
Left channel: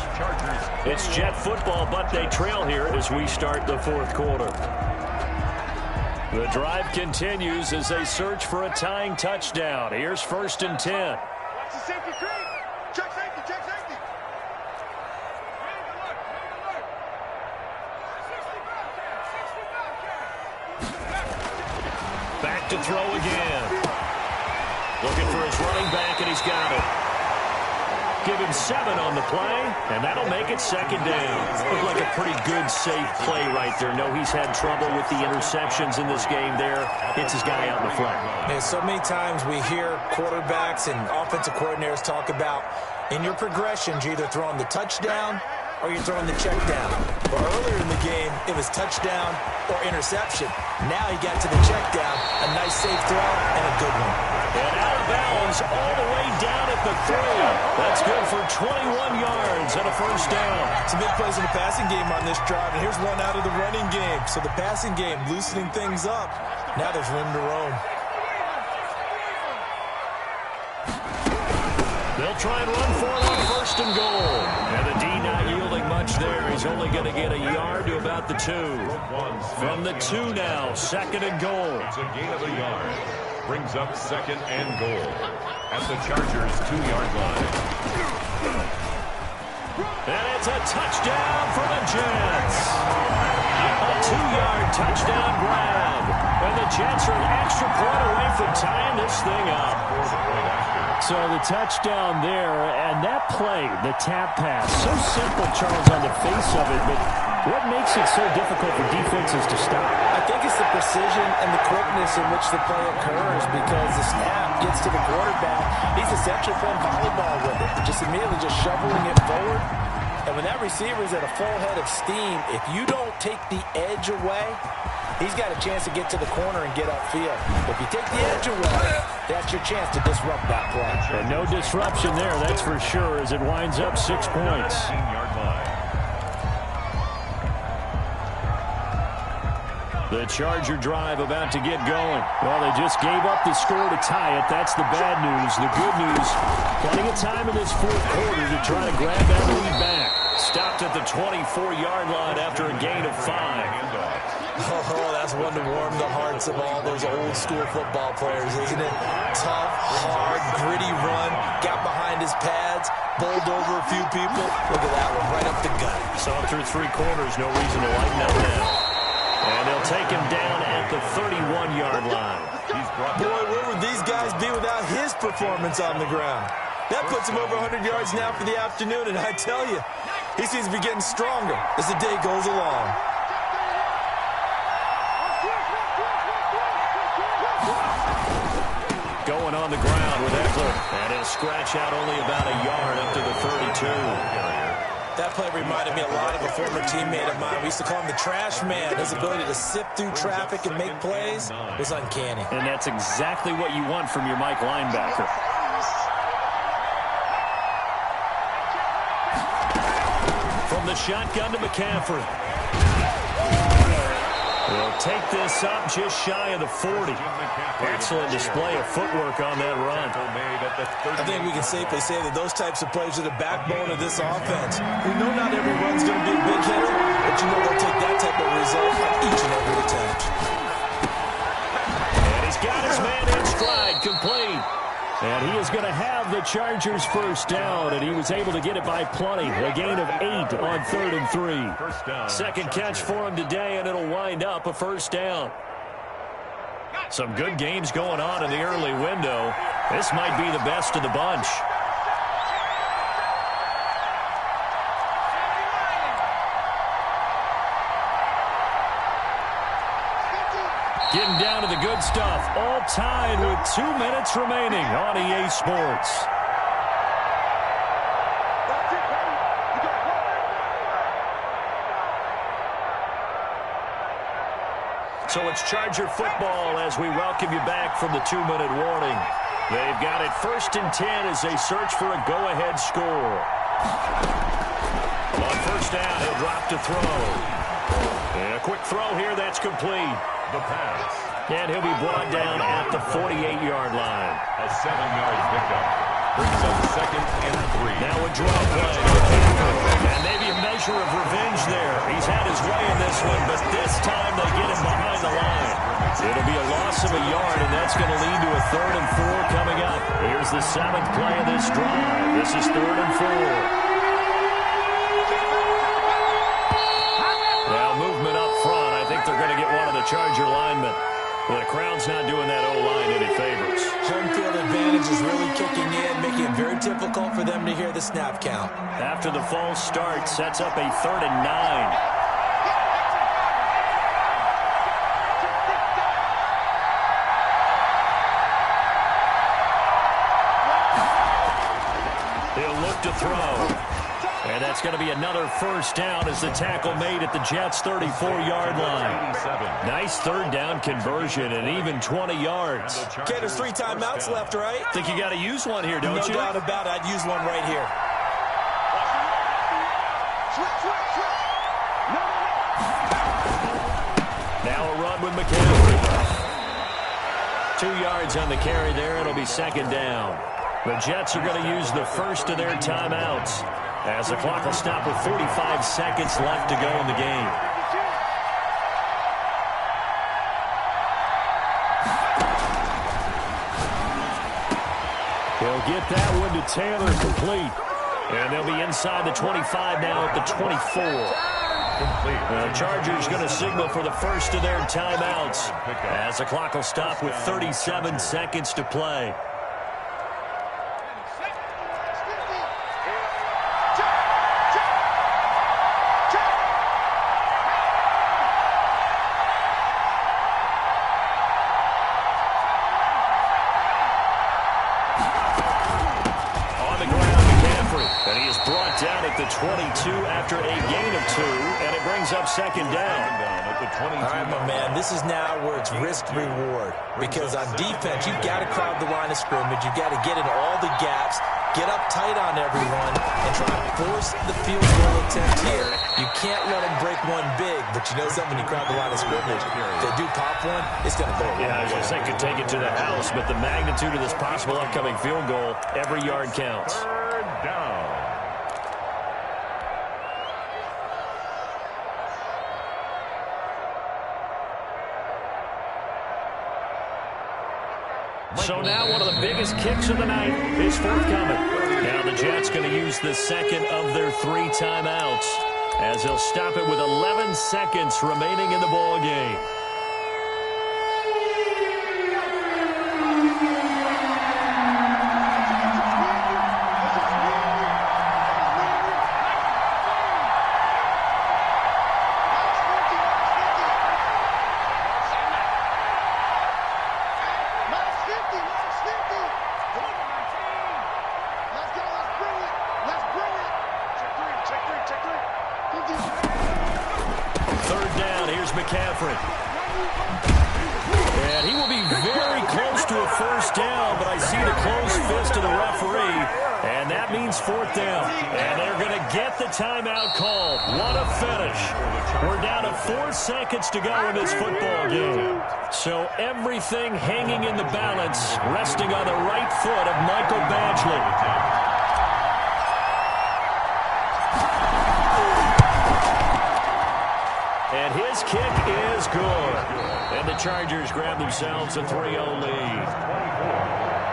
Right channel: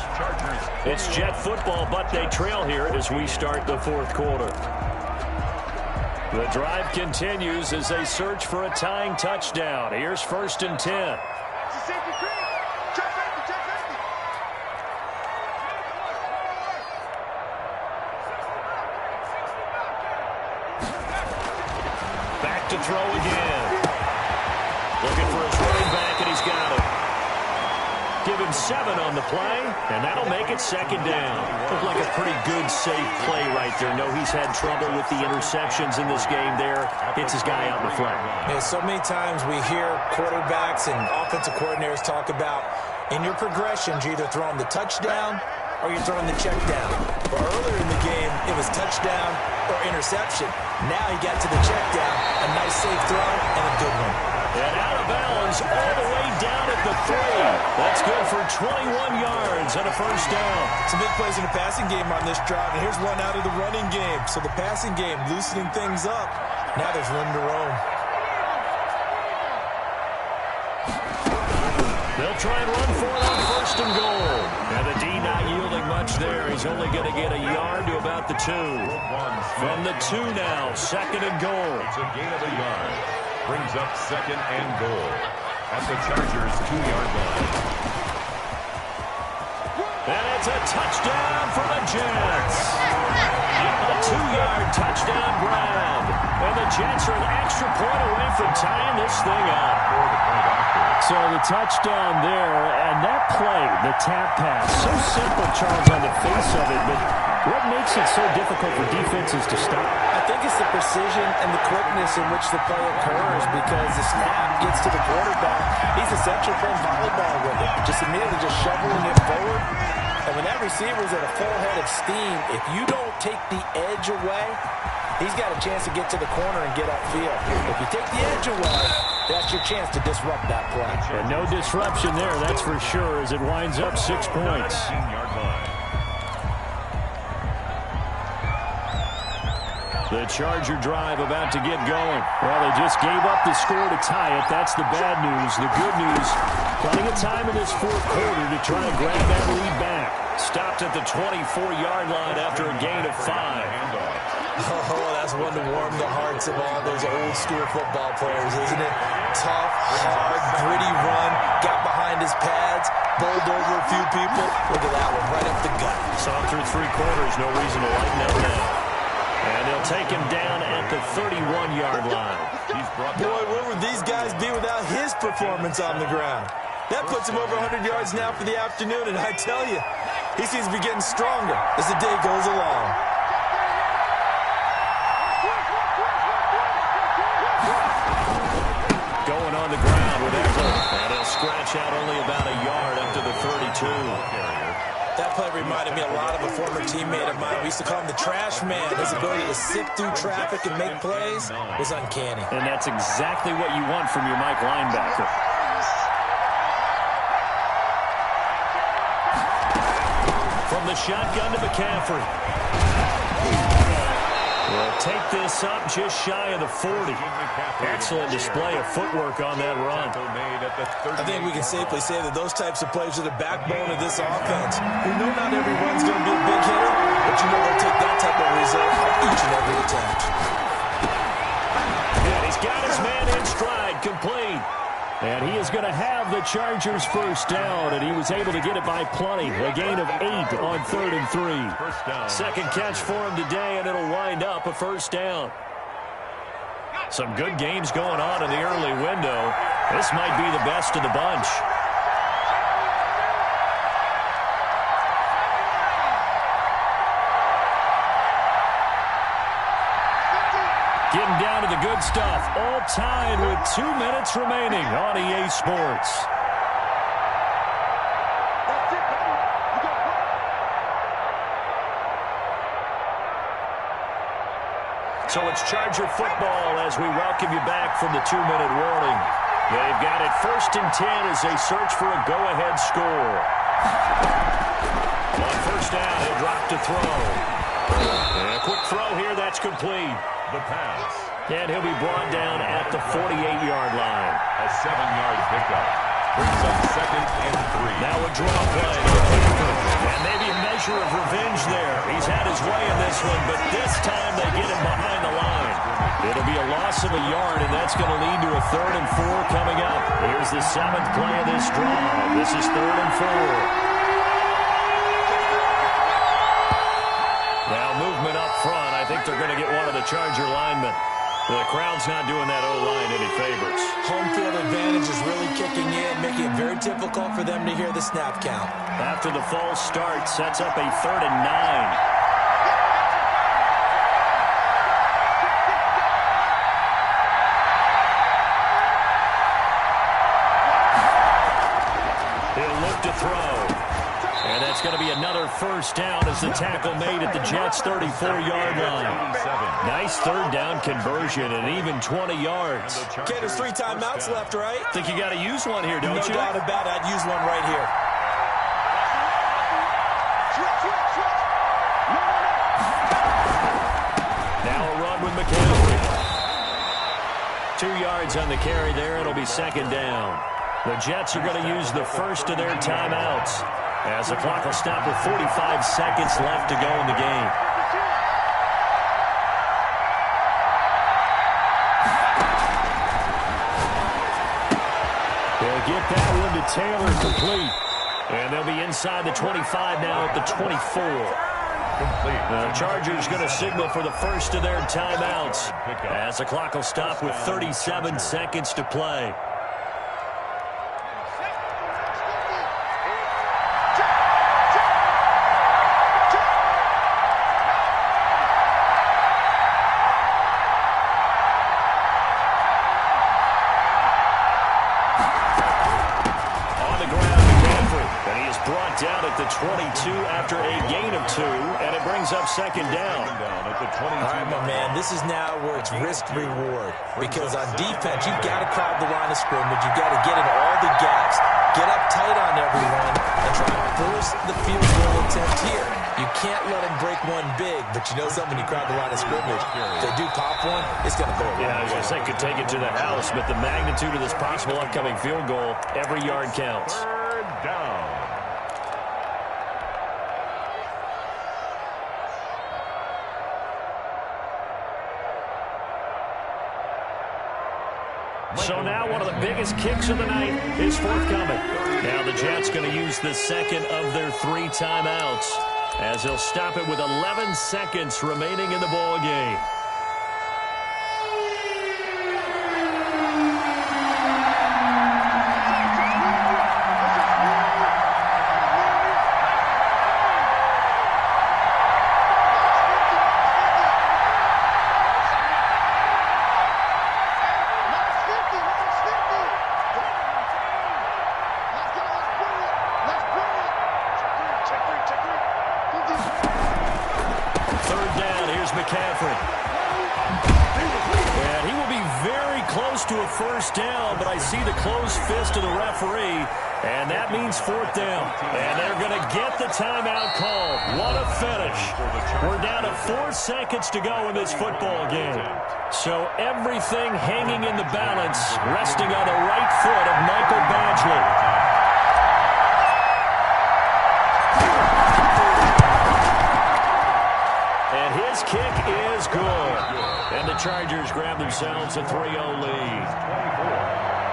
It's Jet football, but they trail here as we start the 4th quarter. The drive continues as they search for a tying touchdown. Here's 1st and 10. Watch the safety creep. Check safety, check safety. Back to throw again. Looking for his running back, and he's got it. Give him 7 on the play, and that'll make it 2nd down. Looked like a pretty good, safe play right there. No, he's had trouble with the interceptions in this game there. Hits his guy out in the flat. Man, so many times we hear quarterbacks and offensive coordinators talk about in your progressions, you're either throwing the touchdown or you're throwing the check down. But earlier in the game, it was touchdown or interception. Now he got to the check down, a nice safe throw, and a good one. And out of bounds all the way down at the 3. That's good for 21 yards and a 1st down. Some big plays in the passing game on this drive, and here's one out of the running game. So the passing game loosening things up. Now there's room to roam. They'll try and run for it on 1st and goal. And the D not yielding much there. He's only going to get a yard to about the 2. From the 2 now, 2nd and goal. It's a gain of a yard. Brings up 2nd and goal at the Chargers' 2-yard line. And it's a touchdown for the Jets. A 2-yard touchdown grab. And the Jets are an extra point away from tying this thing up. For the point after. So the touchdown there, and that play, the tap pass, so simple, Charles, on the face of it, but what makes it so difficult for defenses to stop? I think it's the precision and the quickness in which the play occurs because the snap gets to the quarterback. He's essentially playing volleyball with it, just immediately just shoveling it forward. And when that receiver's at a full head of steam, if you don't take the edge away, he's got a chance to get to the corner and get upfield. If you take the edge away, that's your chance to disrupt that play. And no disruption there, that's for sure, as it winds up 6 points. 15-yard line. The Charger drive about to get going. Well, they just gave up the score to tie it. That's the bad news. The good news, plenty of time in this 4th quarter to try to grab that lead back. Stopped at the 24-yard line after a gain of 5. Oh, that's one to warm the hearts of all those old-school football players, isn't it? Tough, hard, gritty run, got behind his pads, bowled over a few people. Look at that one, right up the gut. Saw through 3 quarters, no reason to lighten up now. And they'll take him down at the 31-yard line. Boy, where would these guys be without his performance on the ground? That puts him over 100 yards now for the afternoon, and I tell you, he seems to be getting stronger as the day goes along. Going on the ground with Ekeler, and he'll scratch out only about a yard up to the 32. That play reminded me a lot of a former teammate of mine. We used to call him the trash man. His ability to sift through traffic and make plays was uncanny. And that's exactly what you want from your Mike linebacker. From the shotgun to McCaffrey. They'll take this up just shy of the 40. Excellent display of footwork on that run. I think we can safely say that those types of plays are the backbone of this offense. We know not every run's going to be a big hitter, but you know they'll take that type of result on each and every attempt. And he's got his man in stride, complete. And he is going to have the Chargers' first down, and he was able to get it by plenty. A gain of 8 on 3rd and 3. Second catch for him today, and it'll wind up a first down. Some good games going on in the early window. This might be the best of the bunch. Getting down to the good stuff. All tied with 2 minutes remaining on EA Sports. That's it, baby. You got work. So it's Charger football as we welcome you back from the 2-minute warning. They've got it 1st and 10 as they search for a go-ahead score. On 1st down, he'll drop to throw. And a quick throw here, that's complete. The pass. And he'll be brought down at the 48-yard line. A 7-yard pickup. Brings up 2nd and 3. Now a draw play. And maybe a measure of revenge there. He's had his way in this one, but this time they get him behind the line. It'll be a loss of a yard, and that's going to lead to a 3rd and 4 coming up. Here's the 7th play of this drive. This is 3rd and 4. Now movement up front. I think they're going to get one of the Charger linemen. The crowd's not doing that O-line any favors. Home field advantage is really kicking in, making it very difficult for them to hear the snap count. After the false start, sets up a 3rd and 9. He'll look to throw. And that's going to be another 1st down as the tackle made at the Jets' 34-yard line. Nice 3rd down conversion and even 20 yards. Okay, there's 3 timeouts left, right? Think you got to use one here, don't you? No doubt about it. I'd use one right here. Switch. No. Now a run with McCaffrey. 2 yards on the carry there. It'll be 2nd down. The Jets are going to use the first of their timeouts as the clock will stop with 45 seconds left to go in the game. He'll get that one to Taylor complete. And they'll be inside the 25 now at the 24. The Chargers going to signal for the first of their timeouts as the clock will stop with 37 seconds to play. Down at the 22 after a gain of 2, and it brings up 2nd down. At the 22. All right, my man, this is now where it's risk-reward. Because on defense, you've got to crowd the line of scrimmage. You've got to get in all the gaps, get up tight on everyone, and try to force the field goal attempt here. You can't let them break one big, but you know something, when you crowd the line of scrimmage, if they do pop one, it's going to go away. Yeah, I was going to say, could take it to the house, but the magnitude of this possible upcoming field goal, every yard counts. 3rd down. So now one of the biggest kicks of the night is forthcoming. Now the Jets going to use the 2nd of their 3 timeouts as they'll stop it with 11 seconds remaining in the ball game. McCaffrey. And he will be very close to a 1st down, but I see the closed fist of the referee, and that means 4th down. And they're going to get the timeout called. What a finish. We're down to 4 seconds to go in this football game. So everything hanging in the balance, resting on the right foot of Michael Badgley. And his kick is good. And the Chargers grab themselves a 3-0 lead.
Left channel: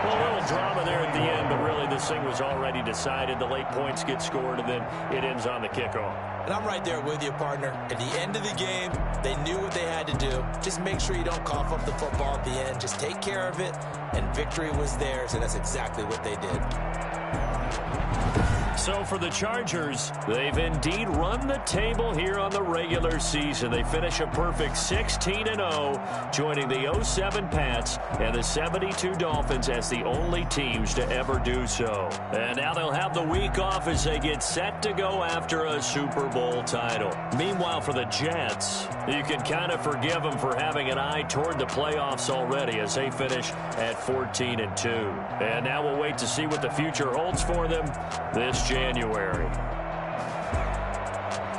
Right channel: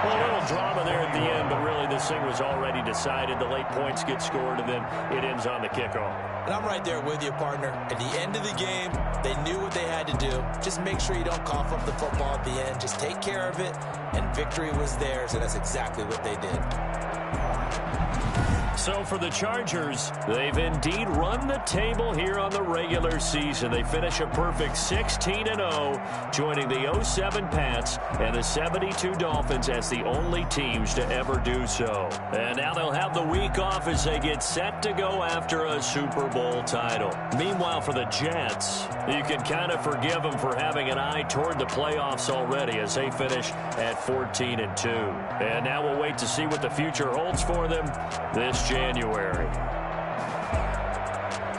Well, a little drama there at the end, but really this thing was already decided. The late points get scored, and then it ends on the kickoff. And I'm right there with you, partner. At the end of the game, they knew what they had to do. Just make sure you don't cough up the football at the end. Just take care of it, and victory was theirs, and that's exactly what they did. So for the Chargers, they've indeed run the table here on the regular season. They finish a perfect 16-0, joining the 07 Pats and the 72 Dolphins as the only teams to ever do so. And now they'll have the week off as they get set to go after a Super Bowl title. Meanwhile, for the Jets, you can kind of forgive them for having an eye toward the playoffs already as they finish at 14-2. And now we'll wait to see what the future holds for them this January.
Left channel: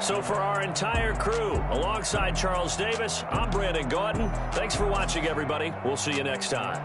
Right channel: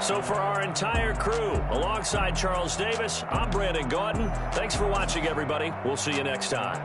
So for our entire crew, alongside Charles Davis, I'm Brandon Gaudin. Thanks for watching, everybody. We'll see you next time.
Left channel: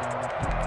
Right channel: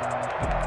it.